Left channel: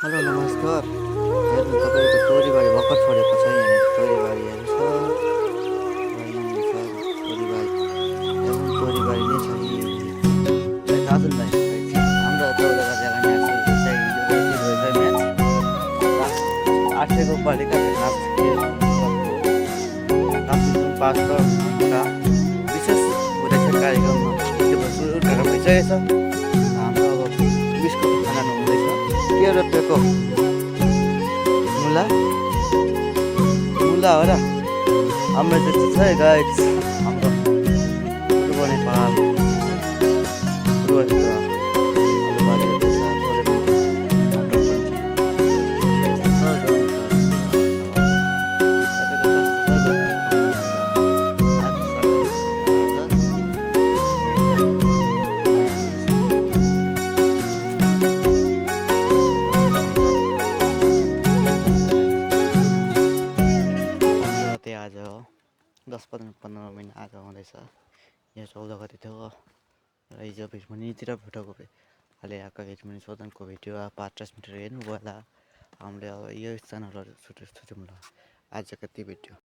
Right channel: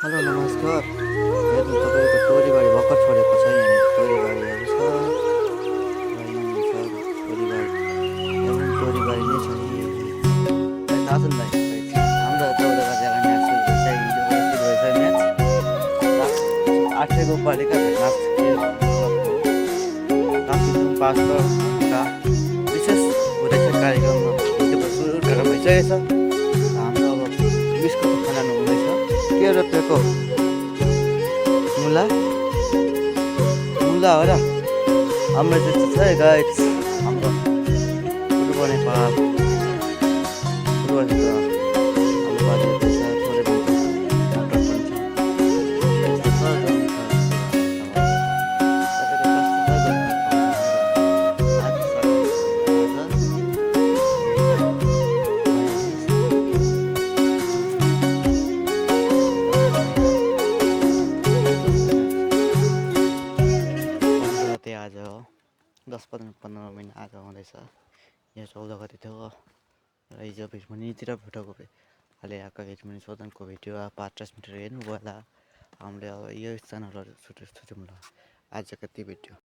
Hello नमस्कार। हेर्नु तपाईँको तोरीबारी भर्खर छोडेको छ। यहाँनिर तोरीबारीहरू छ र यहाँनिर छ तोरीबारी। यहाँ पनि तोरीबारी नै छ। सायद आजन भाइ हाम्रो 14 गते म्याच सुरु चाहिँ हिजोबाट सुरु भएछ म्याच। आठको पालिका म्याच क्लबको काफी जुन पाँच घन्टा विशेष हुँदैछ कार्यक्रममा हिजोबाट सुरु उद्घाटन भइसकेको छ। हाम्रो अब बिस्कुट खाना हुँदैछ। के रोपेको मुला मुला हो र हाम्रो चाहिँ छ है गाइस। हाम्रो पूर्व नेपाल पूर्व आलुबारी रोपेछ। थोरै पनि मटर पनि छ। यस्तो छ गाउँ छ। तपाईँको कस्तो छ गाउँको आज आज हो 10-15 महिना आज हुँदैछ। यहाँ 14 गते थियो र हिजो भिडमुनितिर फुटेको अहिले आएको भिडमुनि सोधनको भिडियो 5-10 मिटर हेर्नुभयो होला। हामीले अब यो च्यानलहरू छुट्यौँ ल आज कति भिडियो।